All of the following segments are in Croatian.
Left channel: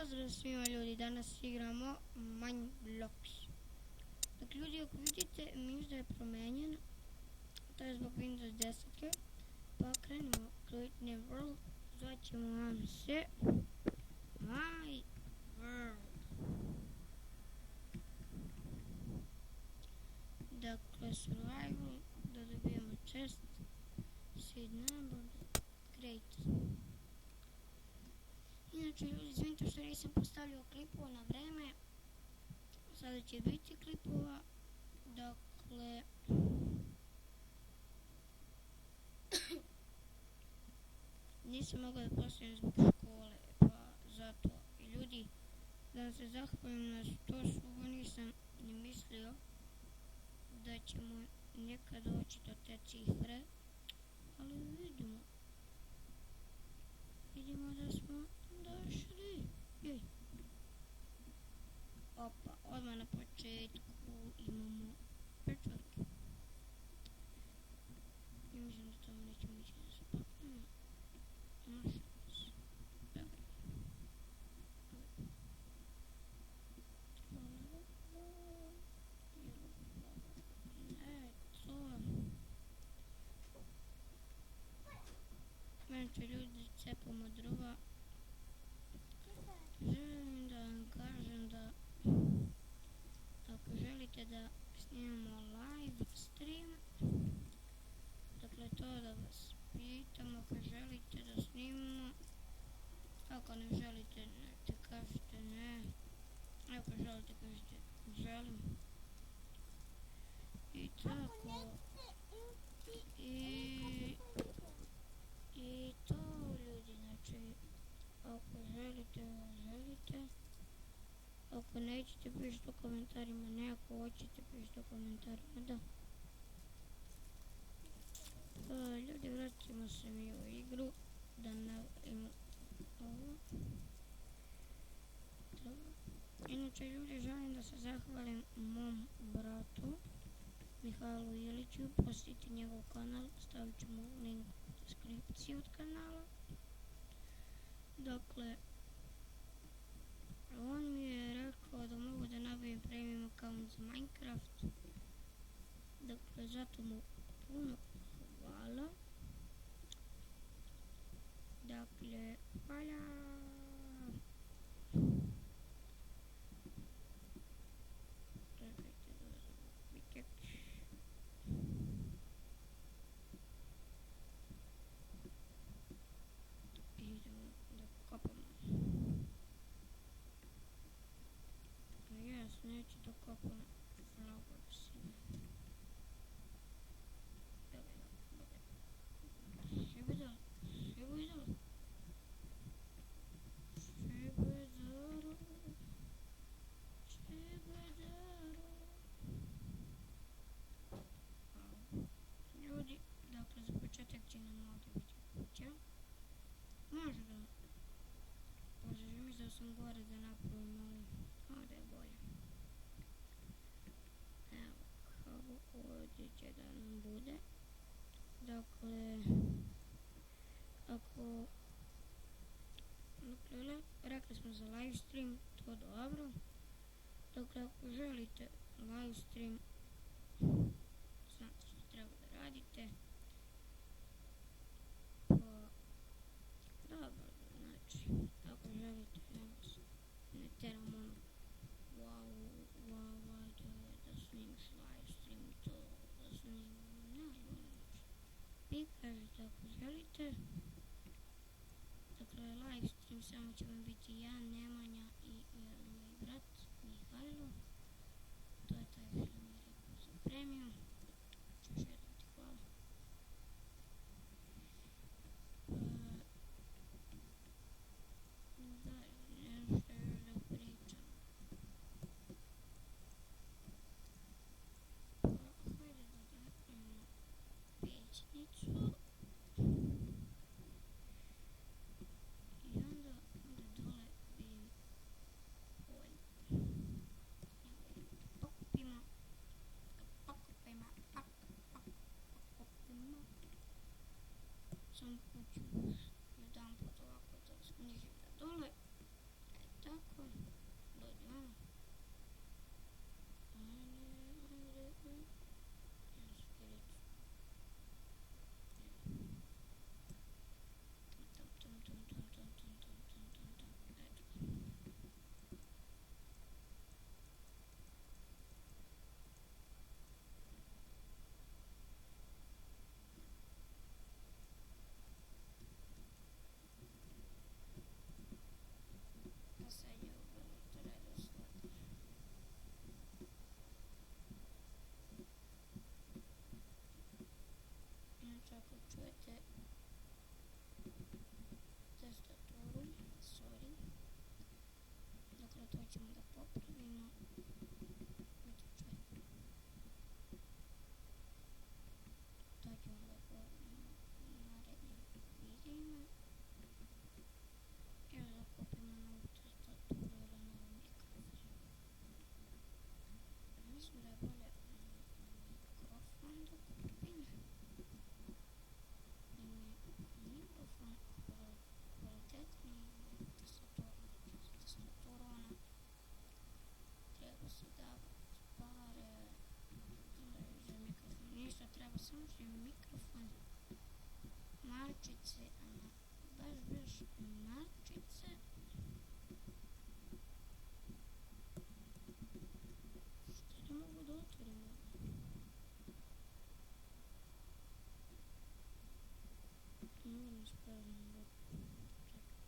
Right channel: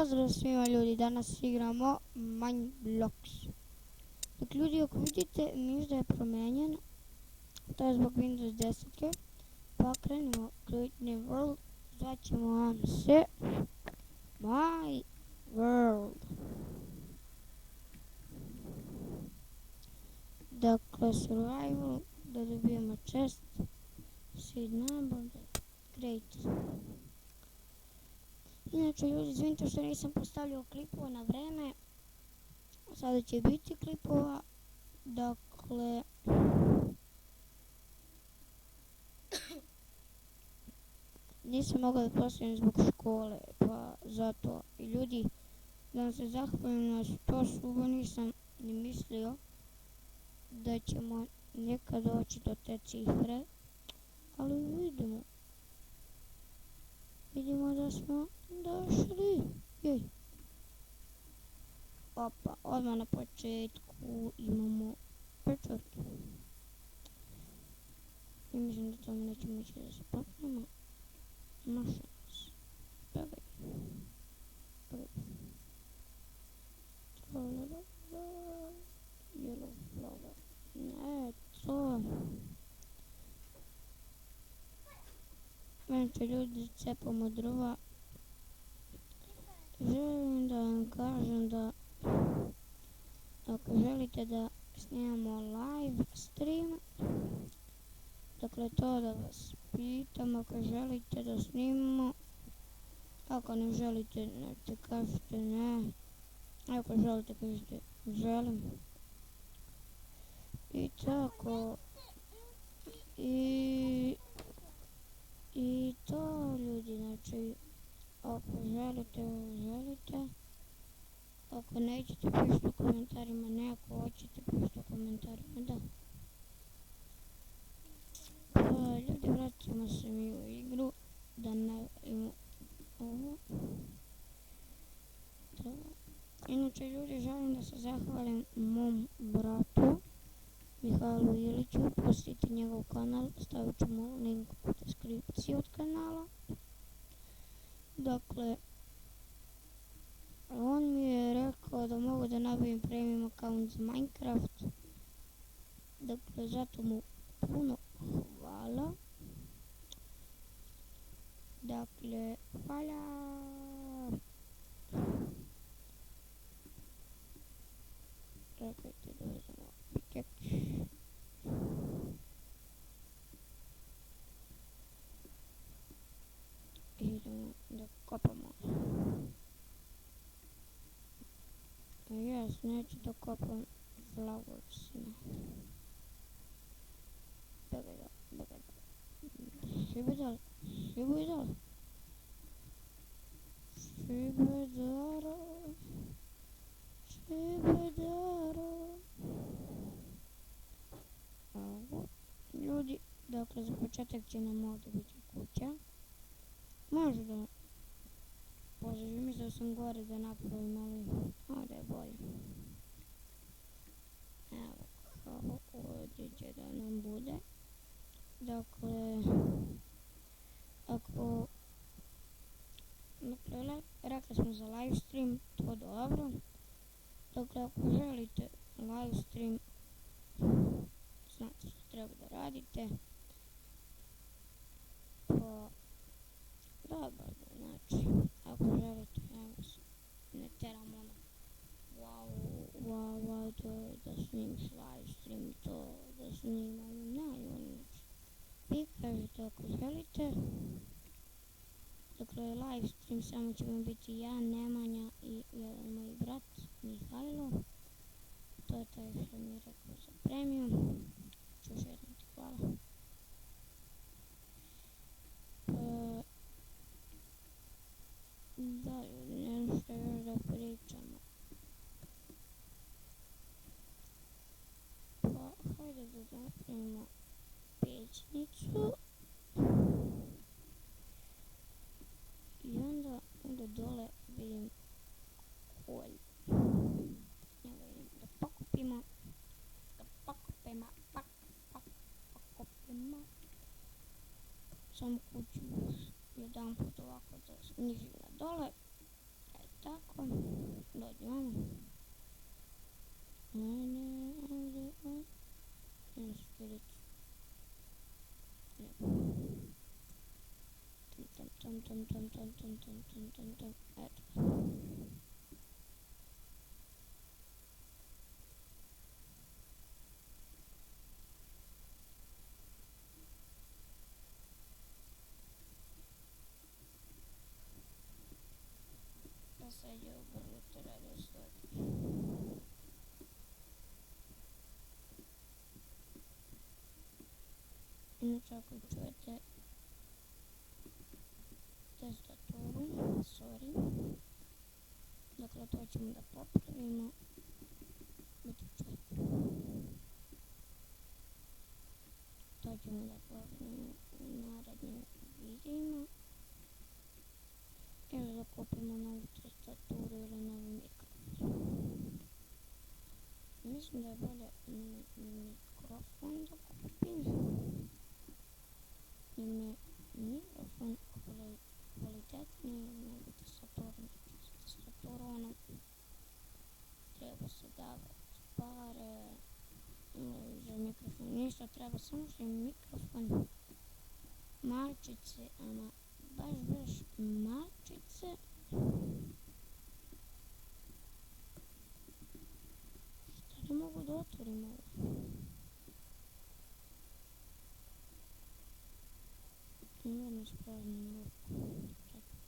Pozdrav svima ljudi, danas igramo Mineblox. Dakle ljudi, ako vidite, možda je promenjen, to je zbog Windows 10. Pa krenimo Create New World, zvaćemo vam se My World. Dakle, survival, da dobijemo chest, seed number, create. Inače ljudi, izvinite što nisam postavljao klipova na vreme, sada će biti klipova, dakle, nisam mogao da postavim zbog škole, pa zato. I ljudi, da vam se zahvalim na 100 suba, nisam ni mislio da ćemo nekad doći do te cifre, ali vidimo da smo došli. Jej. Opa, odmah na početku imamo pečurke. I mislim da tamo nećemo ići da se popnemo. Maša nas. Pegaj. Yellow flower. Ne, to. Znači ljudi, cepamo drva. Želim da vam kažem da ako želite da snimamo live stream, dakle to da vas pitam, ako želite da snimamo, ako ne želite, znači kažete ne, ako želite kažete želim. I tako, i to ljudi, znači ako želite, ako nećete pišite u komentarima ne, ako hoćete pišite u komentarima da. Ljudi, vraćamo se mi u igru, da napravimo ovo. Inače ljudi, želim da se zahvalim mom bratu Mihajlu Iliću, posjetite njegov kanal, stavit ćemo link u deskripciji od kanala. Dakle, on mi je rekao da mogu da nabavim premium account za Minecraft. Dakle, zato mu puno hvala. Dakle, hvala. Čekajte da uzmemo pickaxe. Idemo da kopamo. Jes, neću da kopam flowersima. Begaj. Šibidal. Ljudi, dakle za početak će nam ovdje biti kuća. Možda poželim, mislio sam gore da napravim, ali ovdje je bolje. Evo kako ovdje će da nam bude. Dakle, rekli smo za live stream, to dobro. Dakle, ako želite live stream, znate što treba da radite. Dobro, znači, ako želite, evo se, ne teram ono, wow, to je da snimiš live stream, to da snimam, znači, vi kažete ako želite. Dakle, live stream samo ćemo biti ja, Nemanja i jedan moj brat, Mihajlo. To je taj što mi je rekao za premium. Ću još jednom ti hvala. Da, nešto još da pričamo. Pa, hajde da napravimo pećnicu. I onda dole vidim kolj. Evo idemo da pokupimo. Samo kuću još jedan put ovako da snizim na dole. Tako. tako. Dođi vamo. Ajde. Idem skiricu. Eto. Pa sad je obrnuto redosled. Inače ako čujete tastaturu, sorry. Dakle, to ćemo da popravimo. Eto čujete. To ćemo da popravimo u narednim videima. Ili da kupimo novu tastaturu ili novi mikrofon. Mislim da je bolje mikrofon da kupim. Jer mi je mikrofon kvalitetniji nego tastatura. Znači, tastatura ono treba se davati pare za mikrofon. Ništa treba, samo što je mikrofon malčice, ama baš malčice. Šta ne mogu da otvorim ovo? Moram ispravim ovo. Čekaj,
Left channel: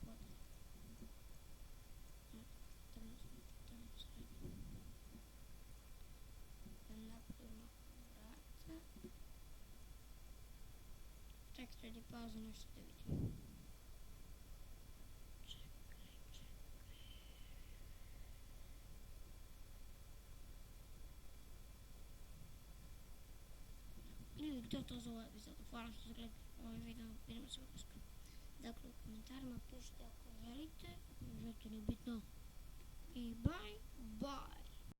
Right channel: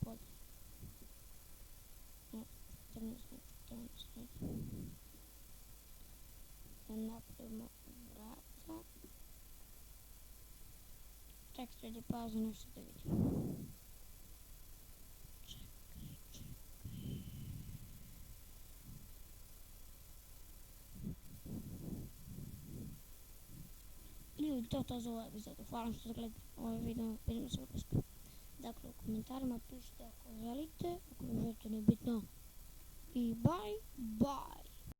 podaj. 14 ajde. Da napravimo vrata. Čekaj, sredi pauze nešto da vidim. Ili to za ovaj epizod. Hvala što ste gledali ovaj video. Vidimo se uskoro. Dakle, u komentarima pišite ako želite. Ako ne želite, nije bitno. I bye.